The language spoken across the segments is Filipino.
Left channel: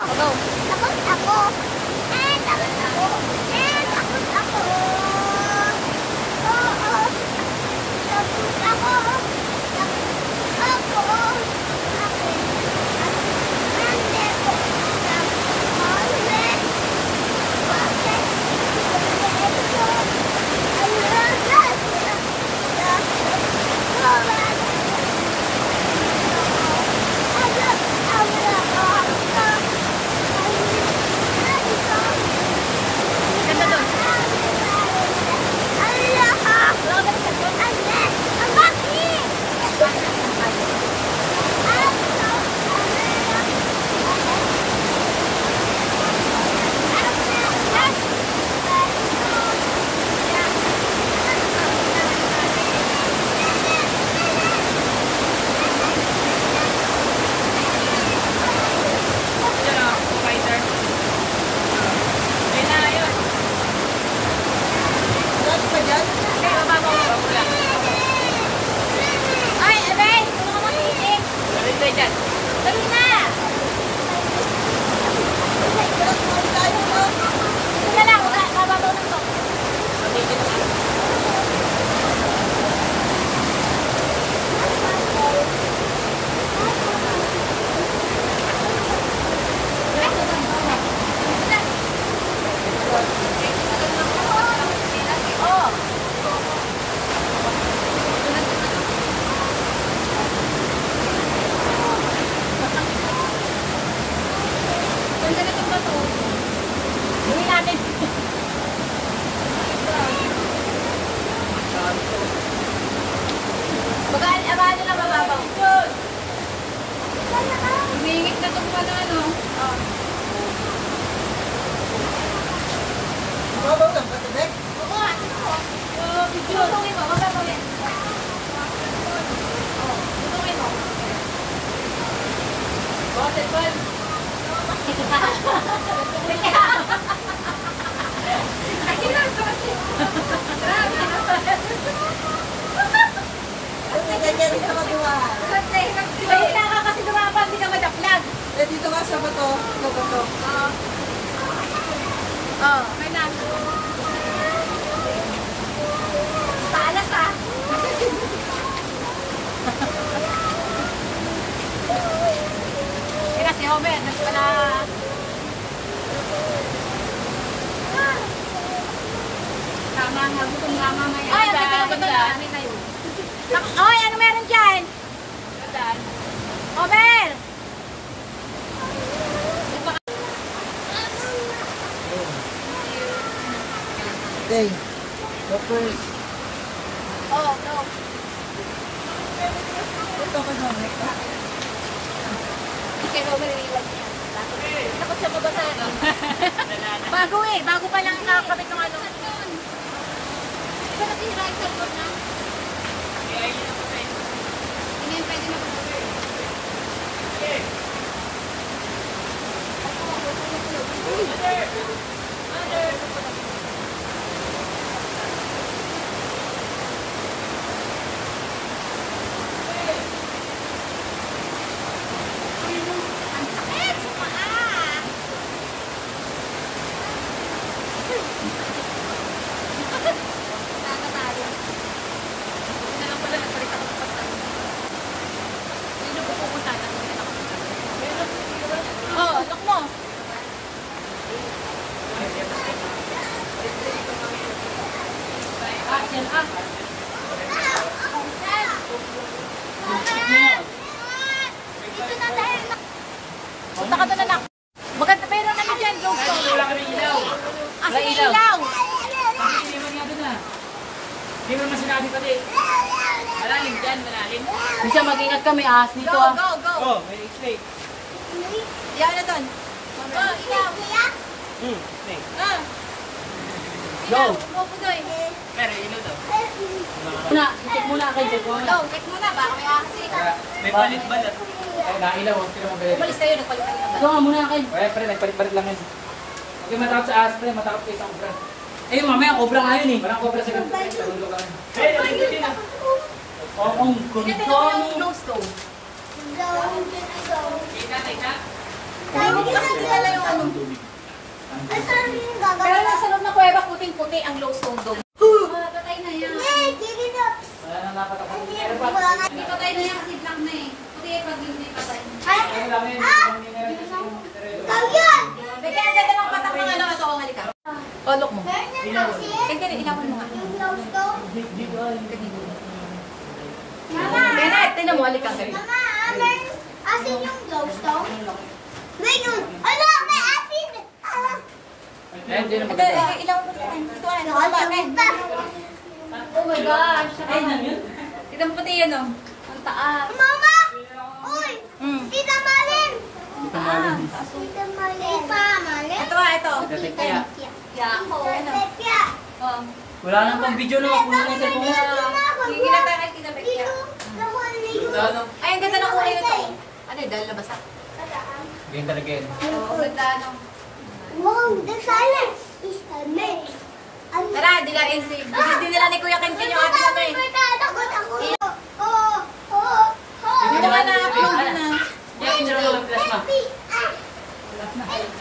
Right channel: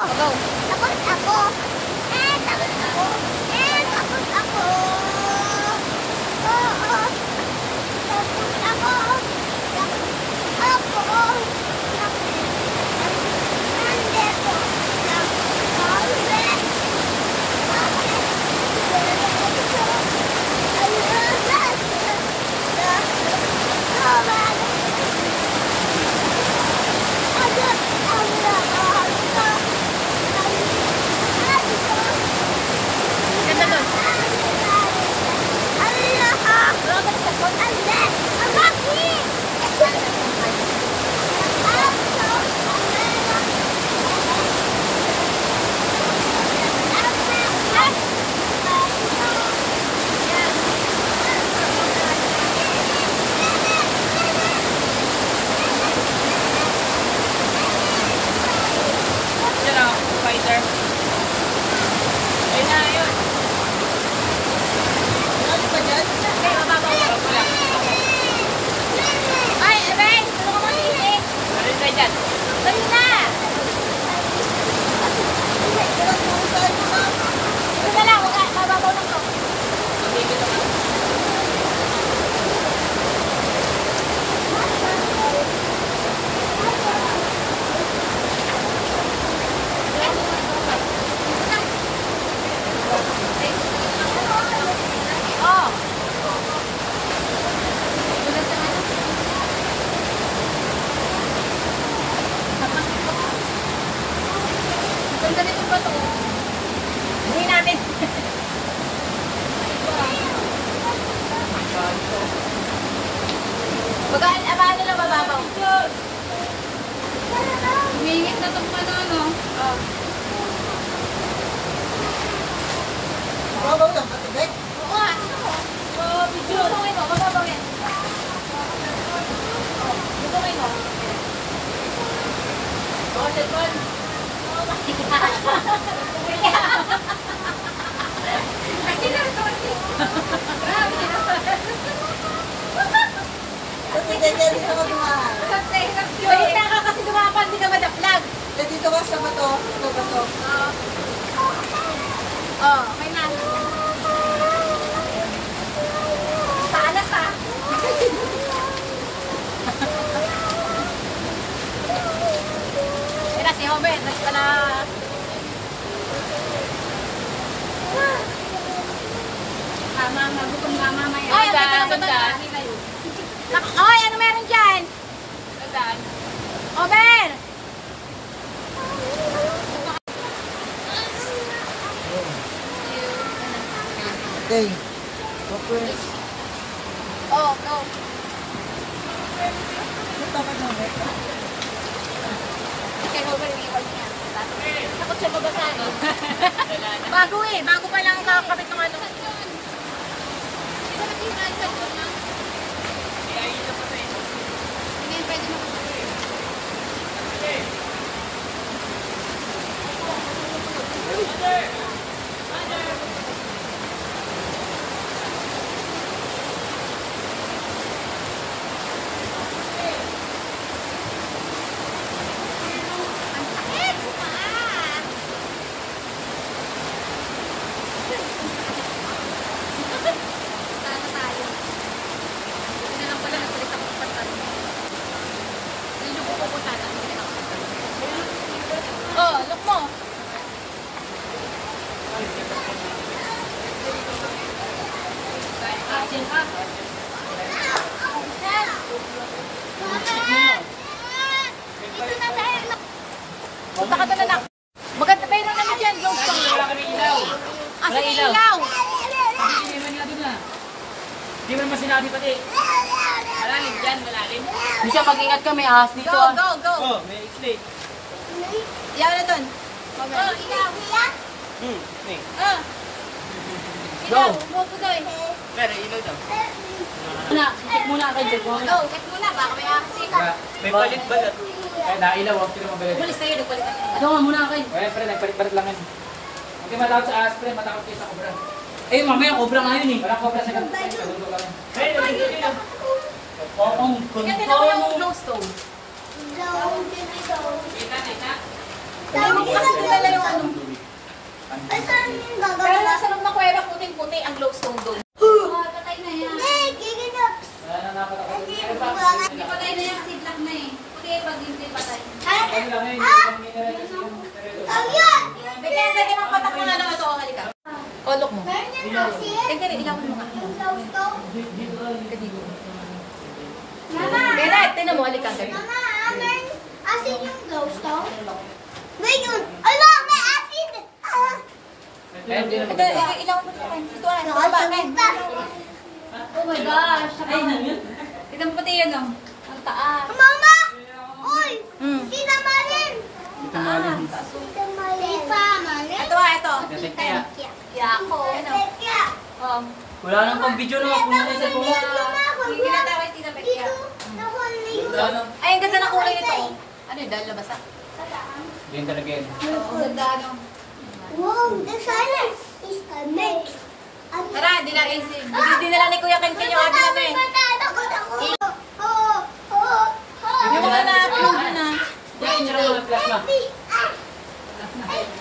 Go. Takot ako. Takot ako. Takot ako. Oo. Takot ako. Takot ako. Oy, ano meron dyan? Omer! Okay. Go first. Oh, go. Ito ka na, Meta. Kaya Homer, iiwan niya. Takot siya mabasahin. Bago eh. Bago pa lang kakapit ng ano. Di ba nakihirahin sa board na? Hindi yan pwede mabasahin. Mother! Mother! Ang sakit sa paa! Sana tayo. Hindi na lang pala nagpalit ako ng pagtanong. Hindi nyo po pupunta na. Oh, look mo! Ito na dahil. Punta ka na lang. Maganda pa yun namin dyan, Glowstone. Wala kami ilaw. Asa ilaw? Hindi naman nga doon na. Hindi mo naman sinabi pati. Malalim dyan, malalim. Hindi siya mag-ingat kami, ahas dito Go, go, go. Oh, may explain. Ilaw na doon. Oh, ilaw. Snake. Ilaw, umupo doon. Pero ilaw daw. Check muna kayo, check muna. Go, check muna. Baka may akasita. May palit balat. Nailaw ang pinamagalit. Umalis kayo, nagpalit kayo. Ito nga muna kayo. Ay, pre, nagpalit-palit lang yan. Hindi matakot sa ahas, pre. Matakot kayo sa cobra. Eh, mamaya cobra nga yun eh. Walang cobra sa ganito. Sa lang yan. Ay, nagigit yun. Ang Kasi ganda. naman yung Glowstone. Kita. Hindi mo po kasi kilala yung ano. Pero nasa loob na kuweba, puting-puti ang glowstone dome. Patay na yan. Wala nang napatakot. Hindi patay na yan kasi black na eh. Puti pag hindi patay. Ano lang yun? Yung mineral kasi yung Bigyan natin ang patak ng ano. Ito, halika. O, look mo. Tingnan, ilawan mo nga. Kaya tinan mo, halika. Mama, asin yung glowstone? Ngayon, ala, may asin! Ayun, dyan ang Ito, ilawan mo rin. Ito, ano, bakit? Oh my gosh. Ay, nangyun. Tignan mo pati yun, oh. Ang taas. Mama! Uy! Tita Malin! Ito maling. Tita Malin. Tita Malin? Ito, ito. Kaya. Yako, ano. Tekya. Oh. Wala nang pang video na mapuno na yung cellphone mo. Hingin na tayo kay Tita Becky. Dito, nahuli yung... Ay, ang ganda ng kulay nito. Ano yun, dahil labasa? Ganyan talaga yun. Oo, ang ganda, ano. Wow, the silence is coming. Tara, hindi lang AC. Hindi nila ni Kuya Ken yung atin namin. Takot ako. Yung mga na-upload na. Yung inyo lang mga plasma.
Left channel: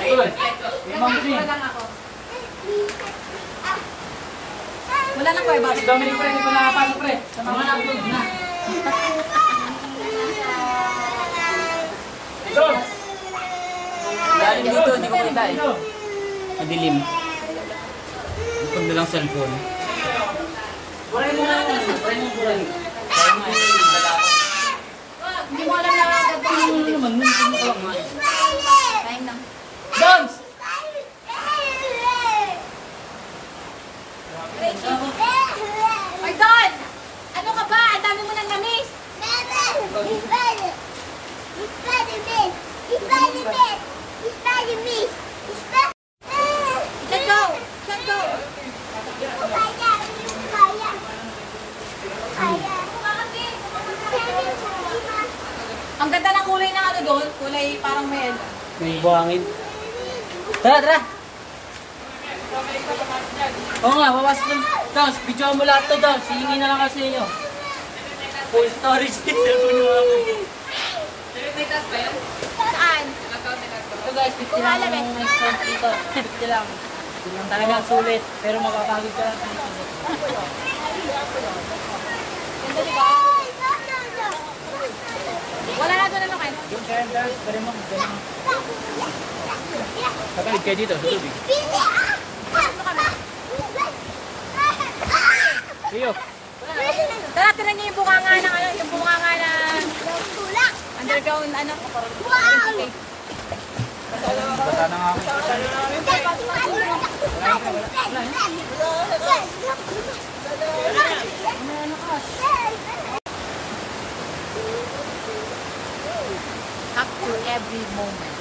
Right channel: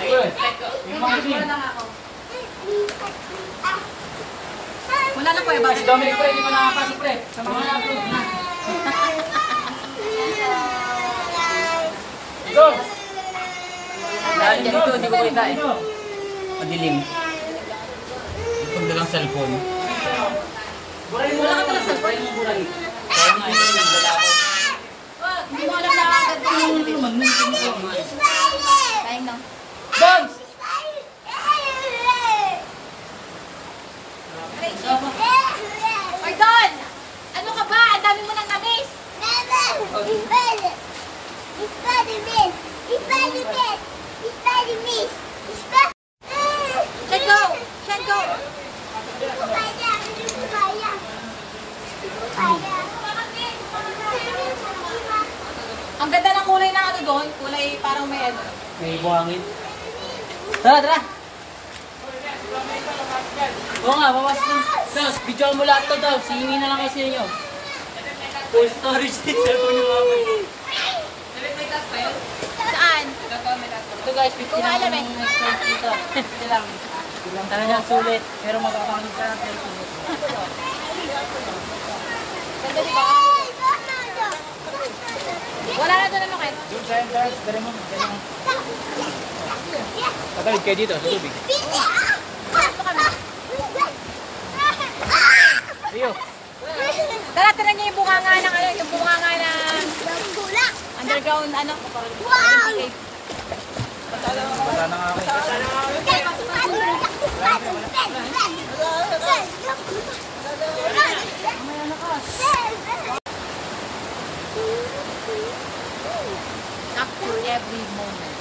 Ayun. Yung mga Wala lang ako. Wala na Kuya Si Dominic pre, hindi ko nakapasok pre. Sa mga upload na. Idol! Dahil ganito, hindi ko kita eh. Idol! Madilim. Pag dalang cellphone. Buray mo na naman. Buray mo, buray. Kaya nga yun, wala ako. Hindi mo alam na agad ko. Ano naman, hindi ko nga eh. Time lang. Dance! Ay, Don! Ano ka ba? Ang dami mo nang na-miss. Let's go! Let's go! Ang ganda ng kulay na ano doon. Kulay parang may... May buhangin. Tara, tara! Oo nga, mamas na. Daws, video mo lahat to, Daws. Hihingi na lang kasi inyo. Full storage din cellphone yung mga mo. Saan? Ito guys, 50 lang ang extra dito. 50 lang. Talagang sulit, pero mapapagod ka lang sa sulit. Ganda diba? Wala na doon ano kayo? Yung dance, pwede mo. Ganyan. Tatalig kayo dito, sa tubig. Iyo. Tara, tira niyo yung bunganga ng ano, yung bunganga ng underground ano. Bata na nga ako. Okay, pasok. Wala yun, wala. Wala yun. Capture every moment.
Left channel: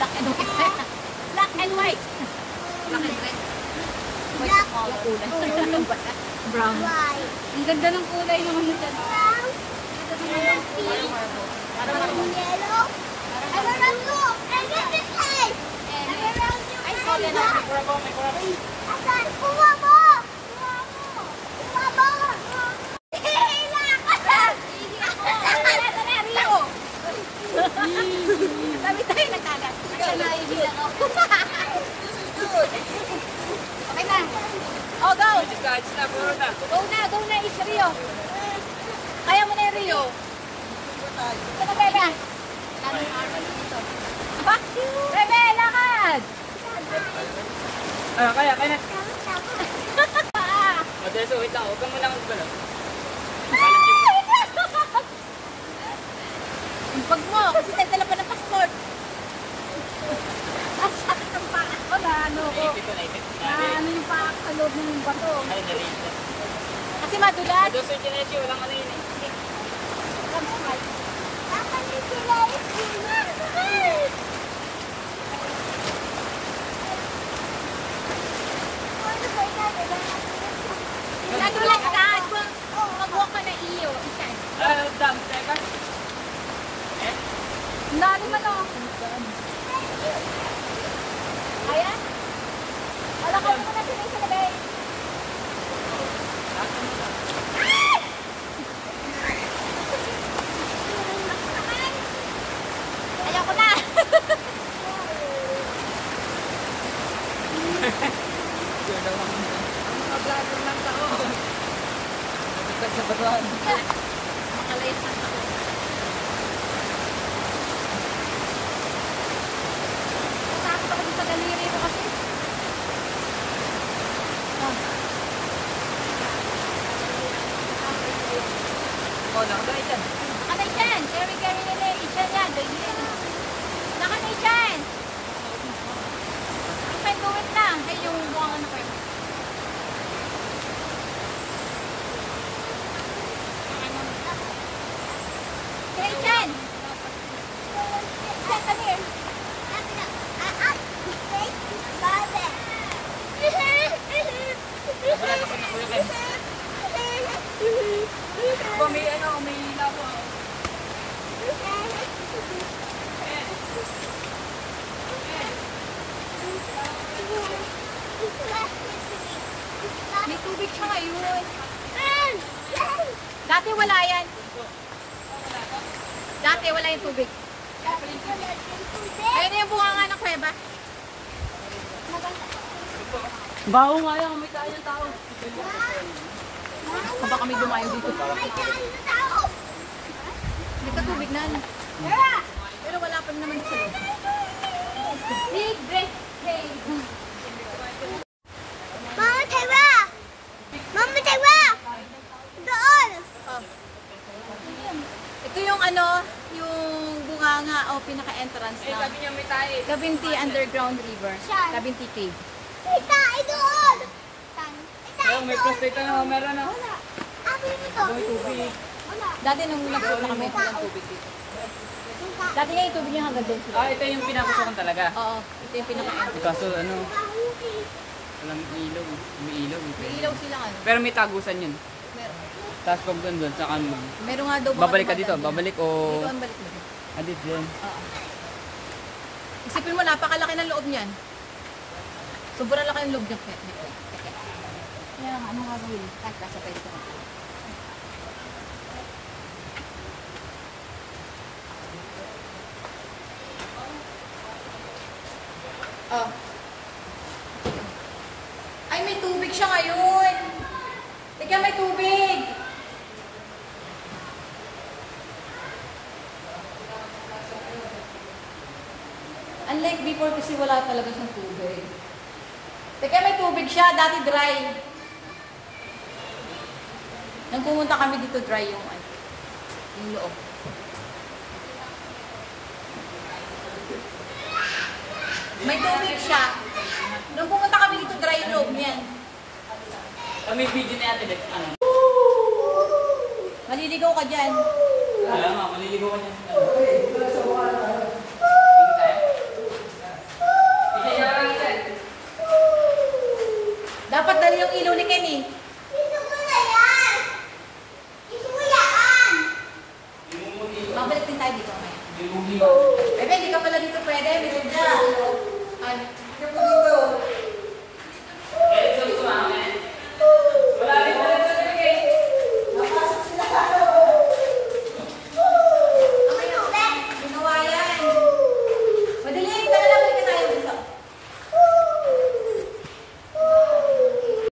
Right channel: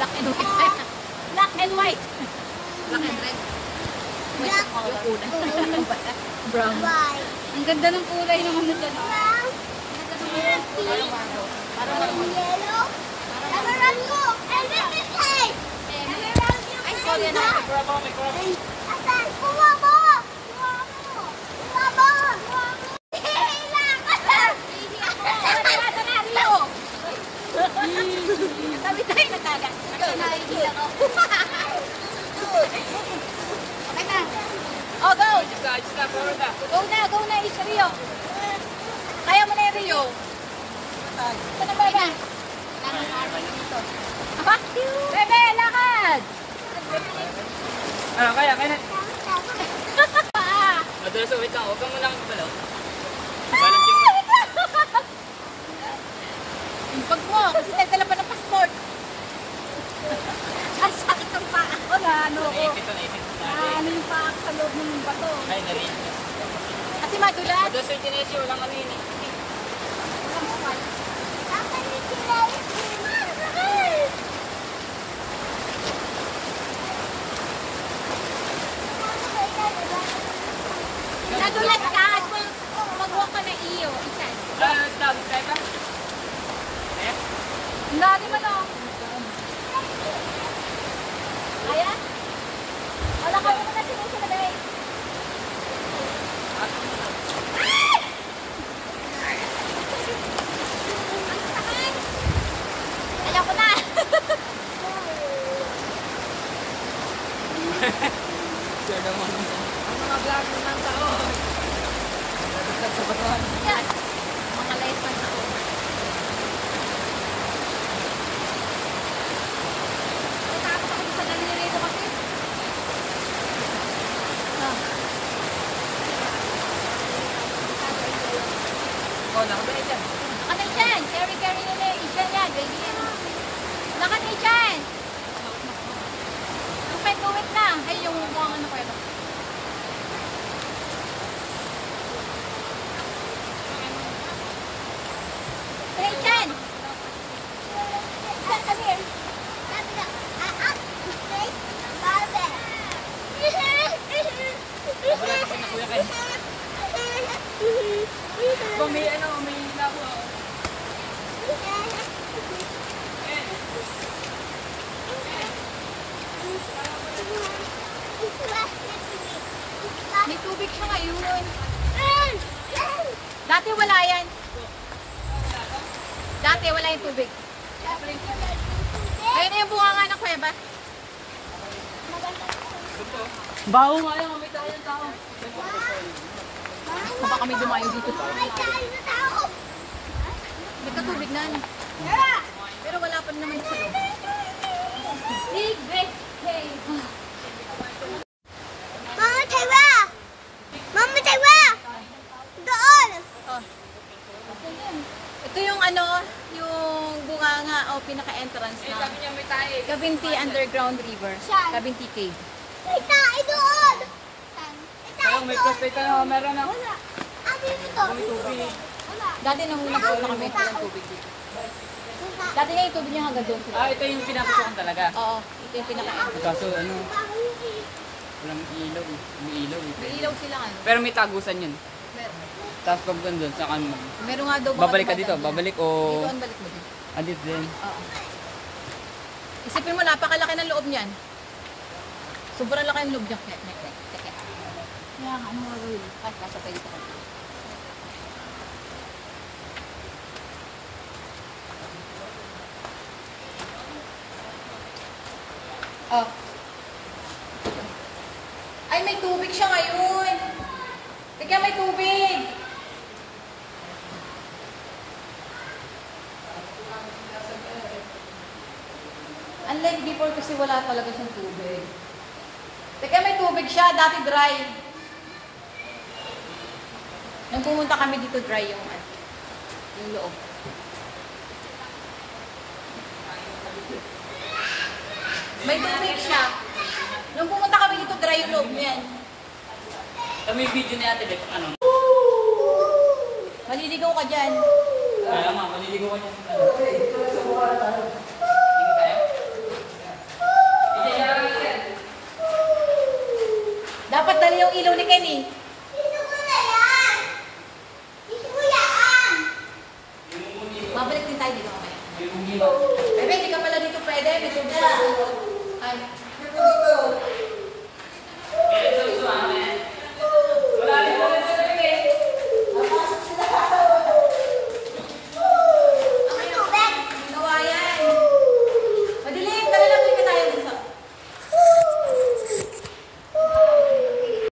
Black and white. Black and white. Black and red. Yung kulay. Brown. Ang ganda ng kulay naman na dyan. Parang marble. Parang marble. Ay, sorry na. Sabi tayo nagkagat. Ikaw na hindi ako. Okay na. Oh, go! Go na, is Rio. Kaya mo na yung Rio. Ito na, Bebe. Lanong araw dito. Bebe, lakad! Kaya na. Madalas, wait lang. Huwag kang malang gano'n. Yung bag mo, kasi nagdala pa ng passport. Ay, sakit ang paa ko na ano. Naikit ko. Ano yung paa ko sa loob ng bato. Ay, narinig. Kasi madulas. Doon sa Kinesi, walang ano yun eh. Nadulas ka. Mag-walk ka na iyo. Isa. Dam, tayo ba? Eh? Lagi mo to. Ayan. Wala ka mo na sinusunagay. Ken! Come here. Barbie. Wala ka na kuya Ken. May ano, may linaw ako. May tubig siya ngayon. Dati wala yan. Dati wala yung tubig. Ayun na yung bunga nga ng kuweba. Baho nga yan, may tayong tao. Baka kami dumayo dito. Nagkatubig na. Pero wala pa naman sa loob. Big break. Mama, Taiwa! Mama, Taiwa! Doon! Ito yung ano, yung bunganga o pinaka-entrance Eh, na sabi niya may tayo. Cabinti Underground River. Saan? Cabinti Cave. Ita, doon! Ayun, may prostate na meron na. Abi dito. May tubig. Dati nung nagpunta kami, walang tubig dito. Dati nga yung tubig niya hanggang doon. Ah, ito yung pinapasokan talaga. Oo, ito yung pinaka-entrance. Kaso ano, walang ilaw. May ilaw. May ilaw sila ano. Pero may tagusan yun. Meron. Tapos pag doon, saka Meron nga daw. babalik ka dito. Babalik o... Dito ang balik mo dito. Dito doon. Oo. Isipin mo, napakalaki ng loob niyan. Sobrang laki yung loob niya. Kaya nga, anong gagawin? Nasa tayo dito. Oh. Ay, may tubig siya ngayon. Teka, may tubig. Unlike before kasi wala talaga siyang tubig. Teka, may tubig siya. Dati dry. Nung pumunta kami dito, dry yung loob. May tubig siya. Nung pumunta kami dito, dry yung loob niyan. Kami video niya ate, ano? Maliligaw ka dyan. Kaya nga, maliligaw ka niya. Tingin tayo. Isa niya lang natin. Dapat dali yung ilaw ni Kenny.